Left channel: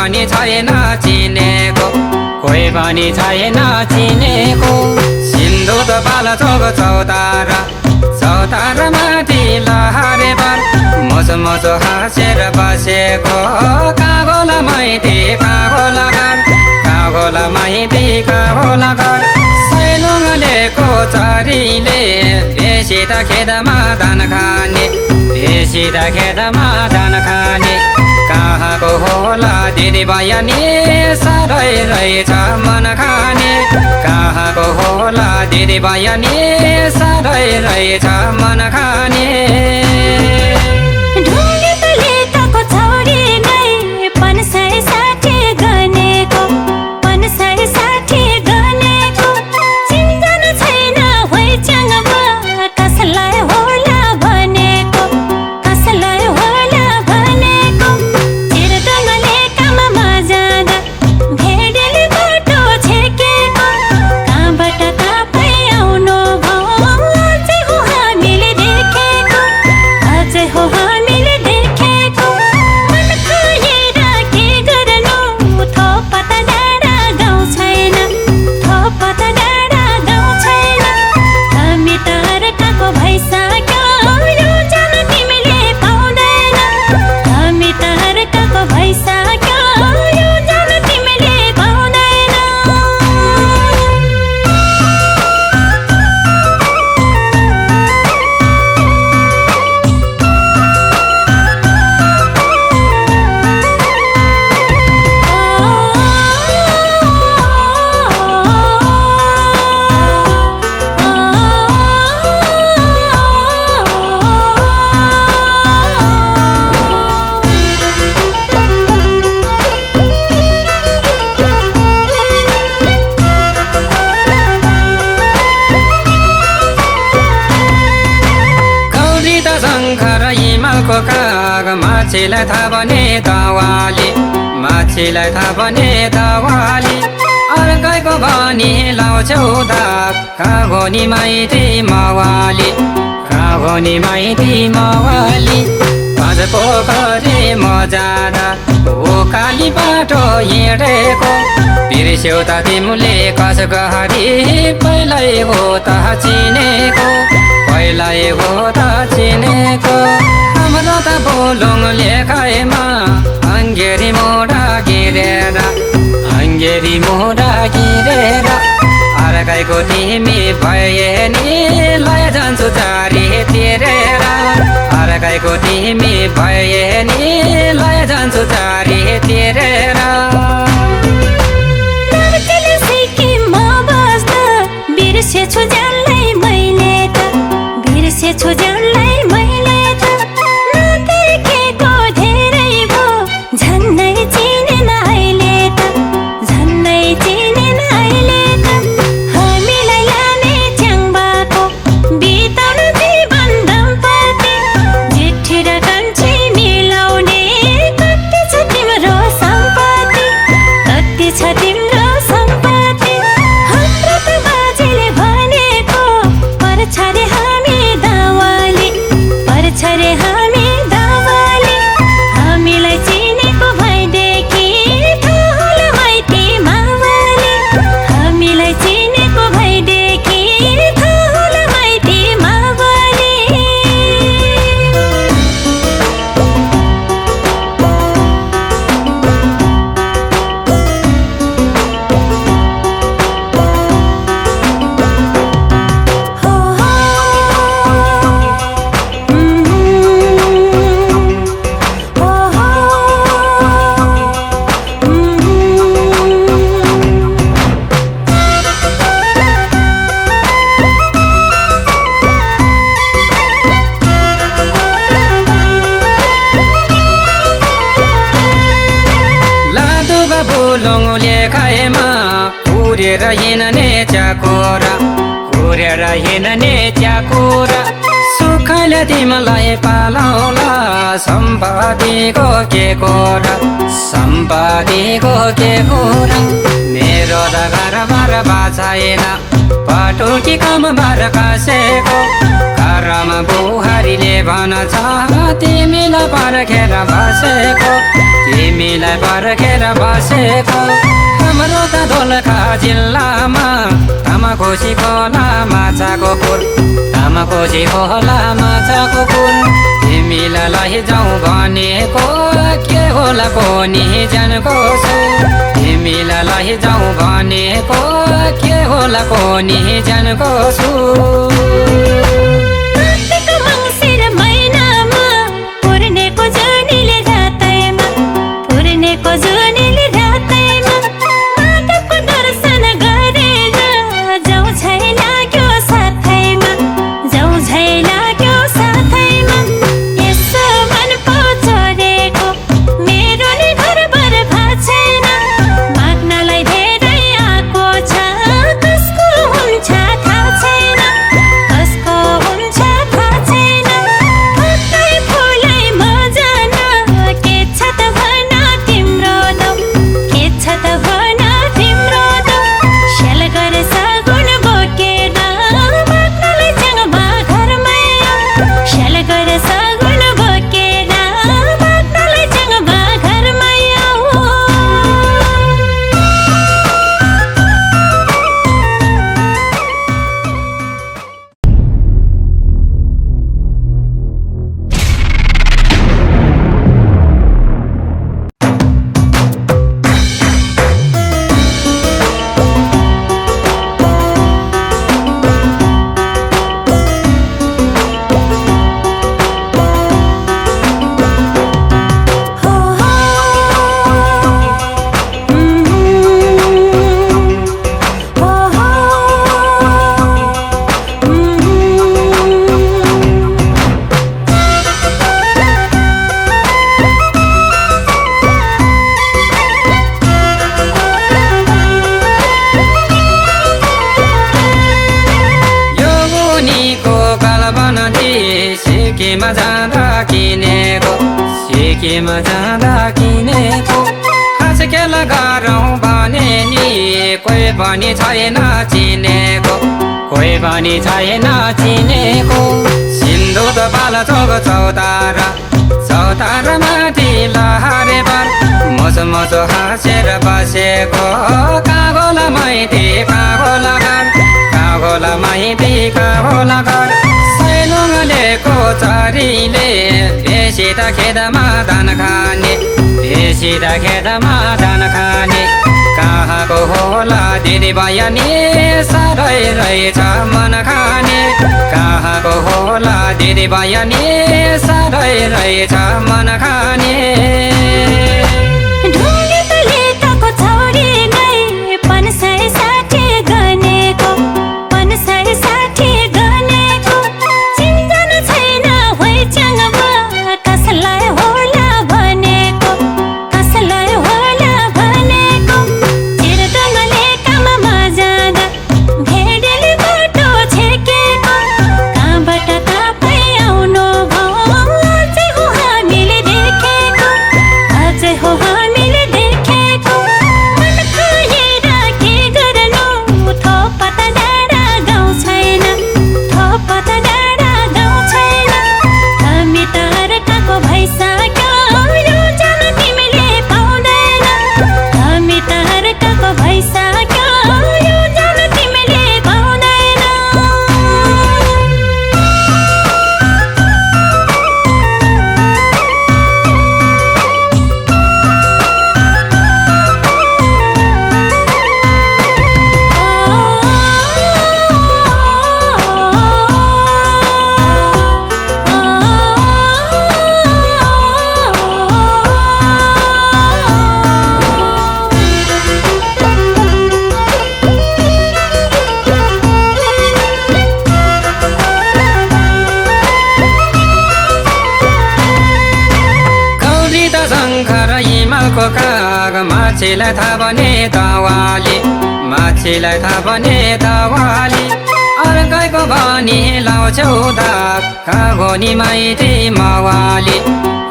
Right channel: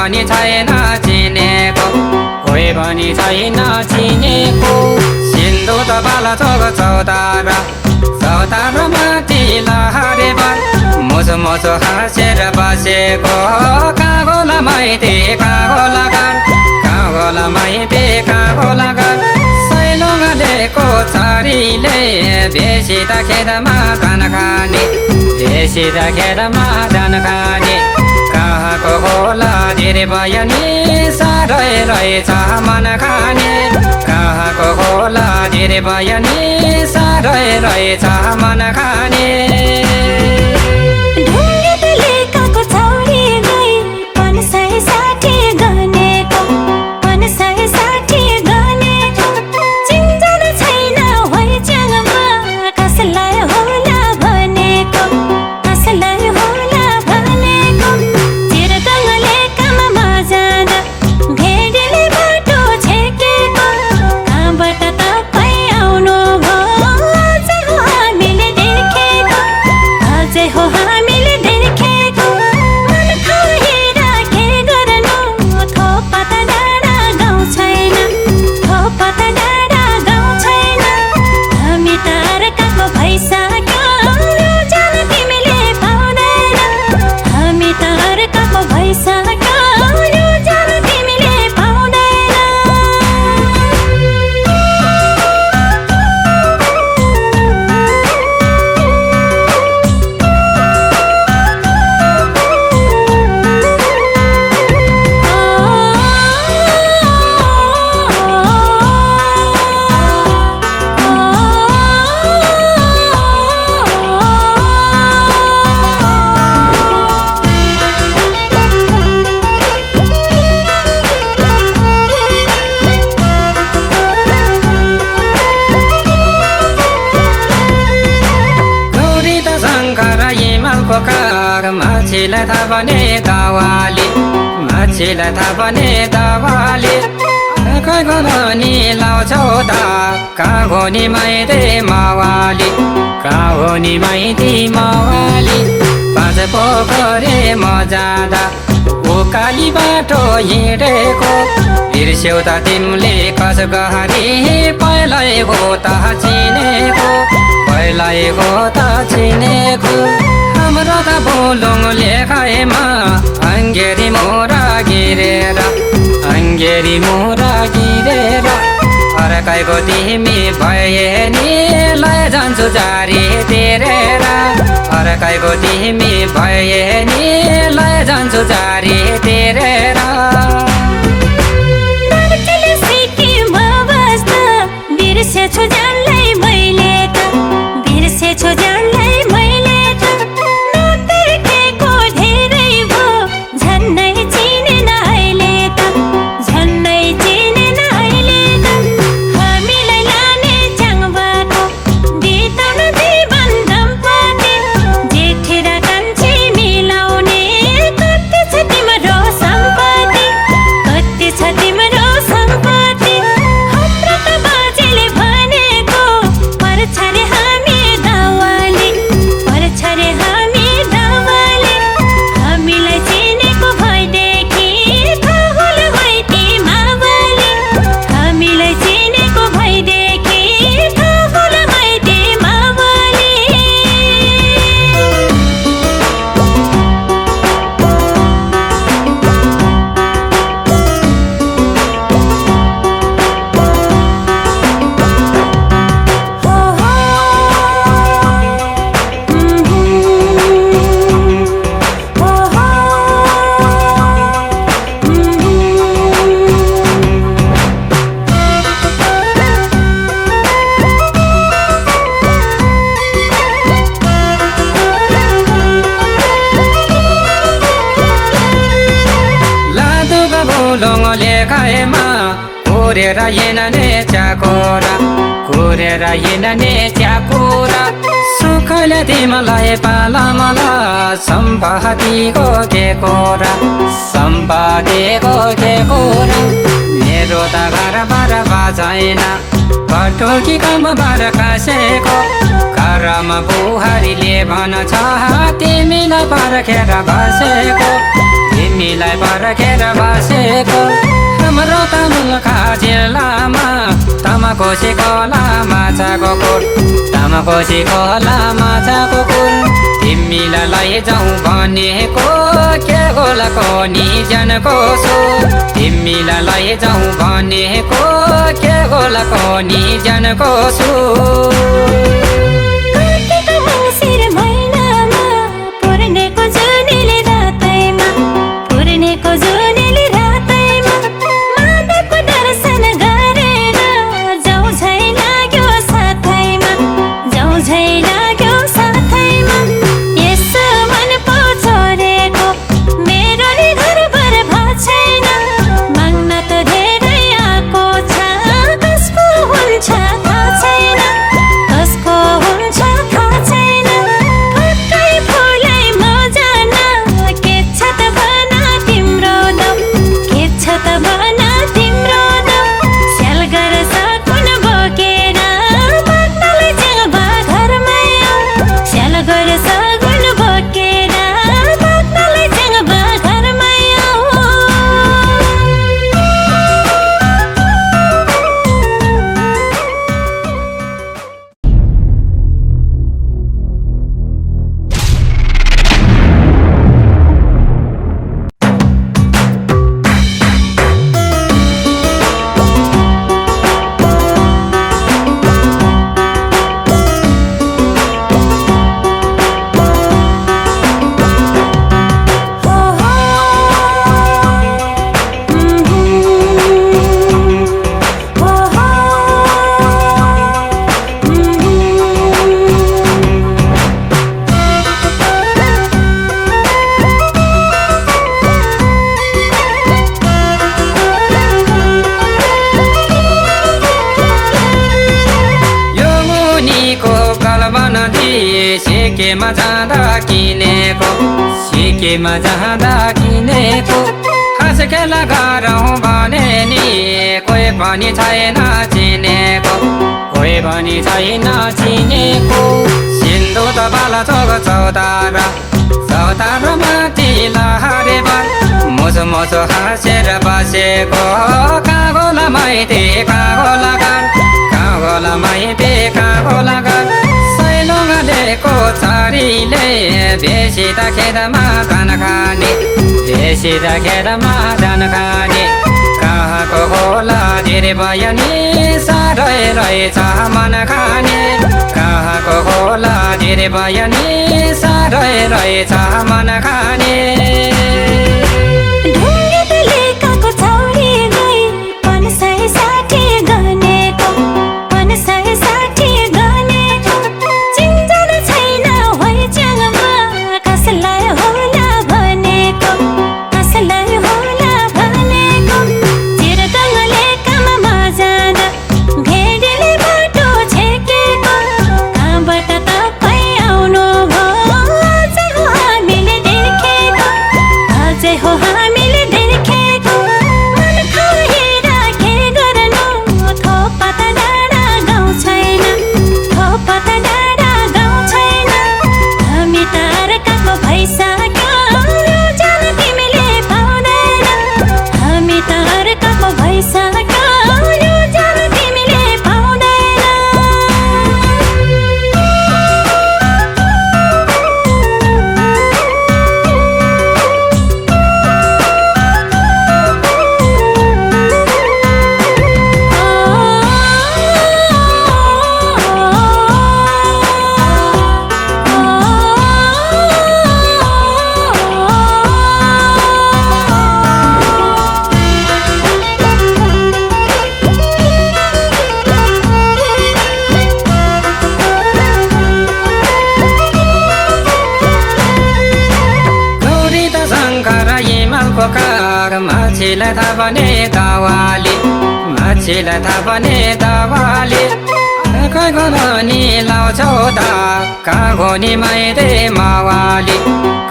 पनि छैन चिनेको, कोही पनि छैन चिनेको। सिन्धु त बाला चोक चौतारा, चौतारा माथि लहरे बार, मोसो मोसो हाँसेर बसेको। कागोला माइती कागोला गान, कागोला माइती कागोला गान। सैलोमा लिएको छोरीले बेसी त खेतमा धान खाने, बेसी त खेतमा धान खाने। कहाँको होला धेरै बयानी, साह्रै रहेछ मन खाने। कहाँको होला धेरै बयानी, साह्रै रहेछ मन खाने। मान्छेलाई थाहा भने दावाली, मान्छेलाई थाहा भने दावाली। अर्कैको भनी लाउँछौ त कागोनी माइती मावाली, कागोनी माइती मावाली। पाँच पोखरे म जाँदा उकाली बाटो हिँडेको, बिर्स्यौ त तिमीले कस गहरी, पहिल्यै हो त चिनेको, पहिल्यै हो त चिनेको। हाम्रो त पोलुङ लेखाएमा अङ्गेरी मोरा गिरेर, अङ्गेरी मोरा गिरेर। अर्कैको तिमी भए नि लैजान्छु जारी तिरेर, अर्कैको तिमी भए नि लैजान्छु जारी तिरेर। पोलुङ लेखाएमा कुरेर हिँड्ने च्याकोरा, कुरेर हिँड्ने च्याकोरा। सुखले तिमीलाई पालाउला सम्पादीको के कोरा, सम्पादीको के कोरा। मेरो त घरबाट बाँचेन, पटुकी कमबाट कासेको। घरमा बुहारीले भन्छ तिमीलाई पर्खेर बसेको, तिमीलाई तिमीलाई पर्खेर बसेको हाम्रो त मुलका जिल्लामा तामाकोसी खोला माछाको खोल तामाकोसी खोला माछाको खोल तिमीलाई लैजाउँ भनेको के होला कोनी जानको सो तिमीलाई लैजाउँ भनेको के होला कोनी जानको सो सिकेमा जाँदा किनेको खास खेला गरौँ भने नि कोही पनि छैन चिनेको कोही पनि छैन चिनेको सिन्धु त बाला चोक चौतारा चौतारा माथि लहरे बार मोसो मोसो हाँसेर बसेको कागोला माइती कागोला गान कागोला माइती कागोला गान सैलोमा लिएको चरीले बेसी त खेतमा धान खाने बेसी त खेतमा धान खाने कहाँको होला धेरै बयानी साह्रै रहेछ मन खाने कहाँको होला धेरै बयानी साह्रै रहेछ मन खाने मान्छेलाई थाहा भने दावाली मान्छेलाई थाहा भने दावाली अर्कैको भनी लाउँछौ त कागोनी माइती मावाली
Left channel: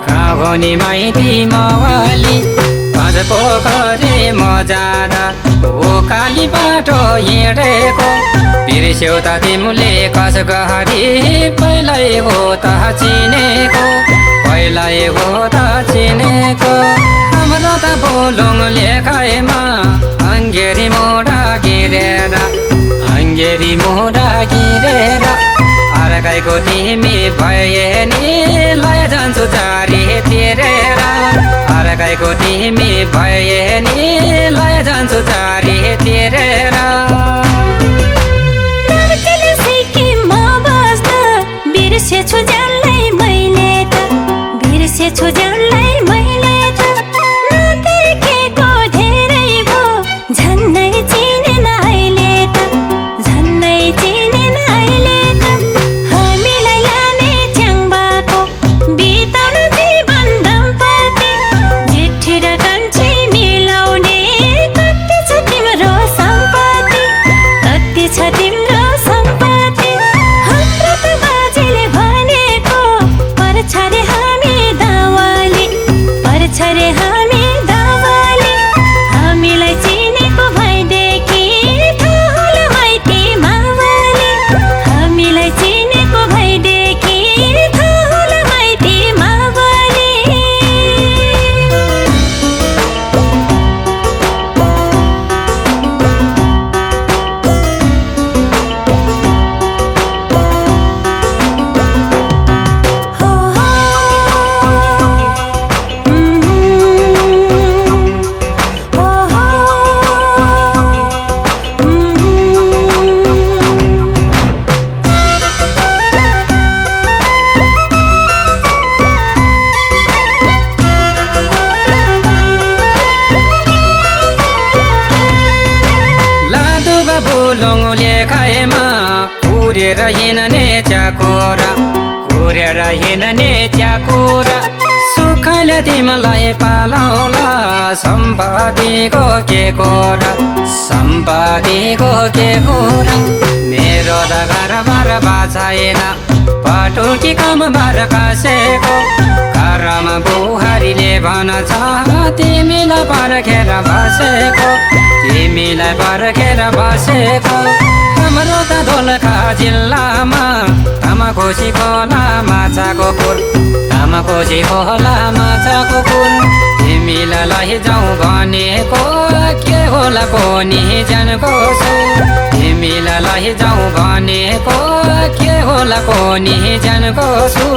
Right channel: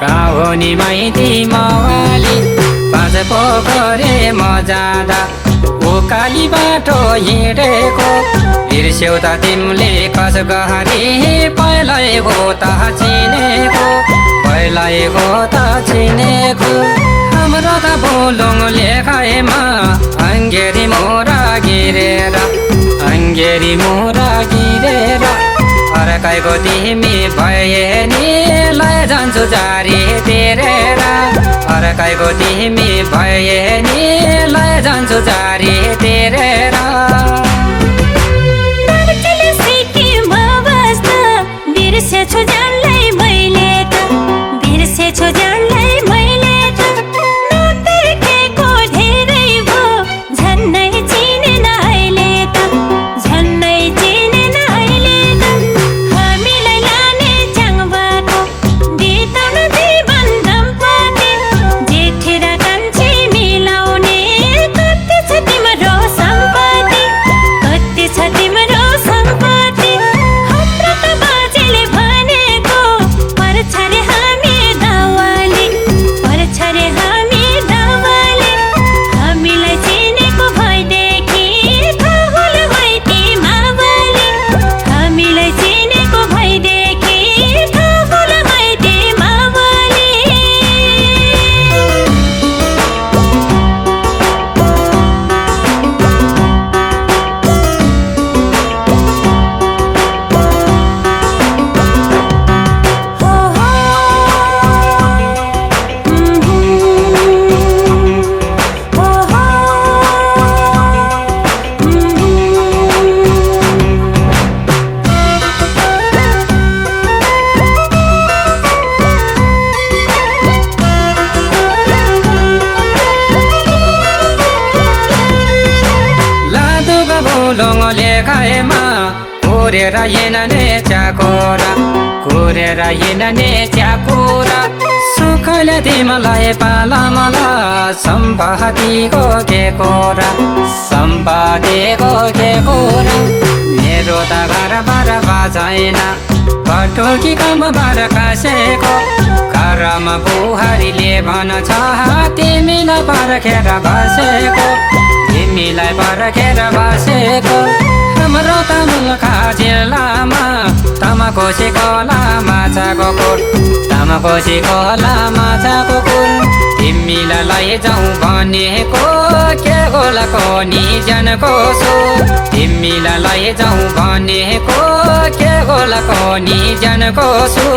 कागोनी माइती मावाली पाँच पोखरे मजारा उकाली बाटो हिँडेको बिर्स्यौ त तिमीले कस गरी पहिल्यै हो त चिनेको पहिल्यै हो त चिनेको हाम्रो त फुलुङ लेखाएमा अङ्गेरी मोरा गिरेर अङ्गेरी मोरा गिरेर अर्कैको तिमी भए नि लैजान्छु जारी तिरेर अर्कैको तिमी भए नि लैजान्छु जारी तिरेर बिर्सेछु जसलाई मैले त बिर्सेछु जसलाई मैले त नदेखेको धेरै भो झन्डै चिनेन अहिले त झन्डै चिनेन अहिले त हामीलाई लाने च्याङ्बाको बिताउन जीवन दम्पति जेठी र कान्छी मिलाउने कति छ तिम्रो सम्पत्ति कति छ तिम्रो सम्पत्ति हाम्रो त बाजेले भनेको पर्छ रे हामी दावाले पर्छ रे हामी दावाले हामीलाई चिनेको भएदेखि ठुलो माइती मावाले हामीलाई चिनेको भएदेखि ठुलो माइती मावाले लादुगा फुलुङ लेखाएमा कुरेर हिँड्ने च्याकोरा कुरेर हिँड्ने च्याकोरा सुखले तिमीलाई पालाउला सम्पादीको के कोरा सम्पादीको के कोरा मेरो त घरबाट बाँचाएन पटुकी कमबाट खसेको घरमा बुहारीले भन्छ तिमीलाई पर्खेर बसेको तिमीलाई पर्खेर बसेको हाम्रो त गोर्खा जिल्लामा तामाकोसी खोला माछाको कुट तामाकोसी खोला माछाको कुट तिमीलाई लैजाउँ भनेको के होला कोनी जनको सो तिमीलाई लैजाउँ भनेको के होला कोनी जनको सो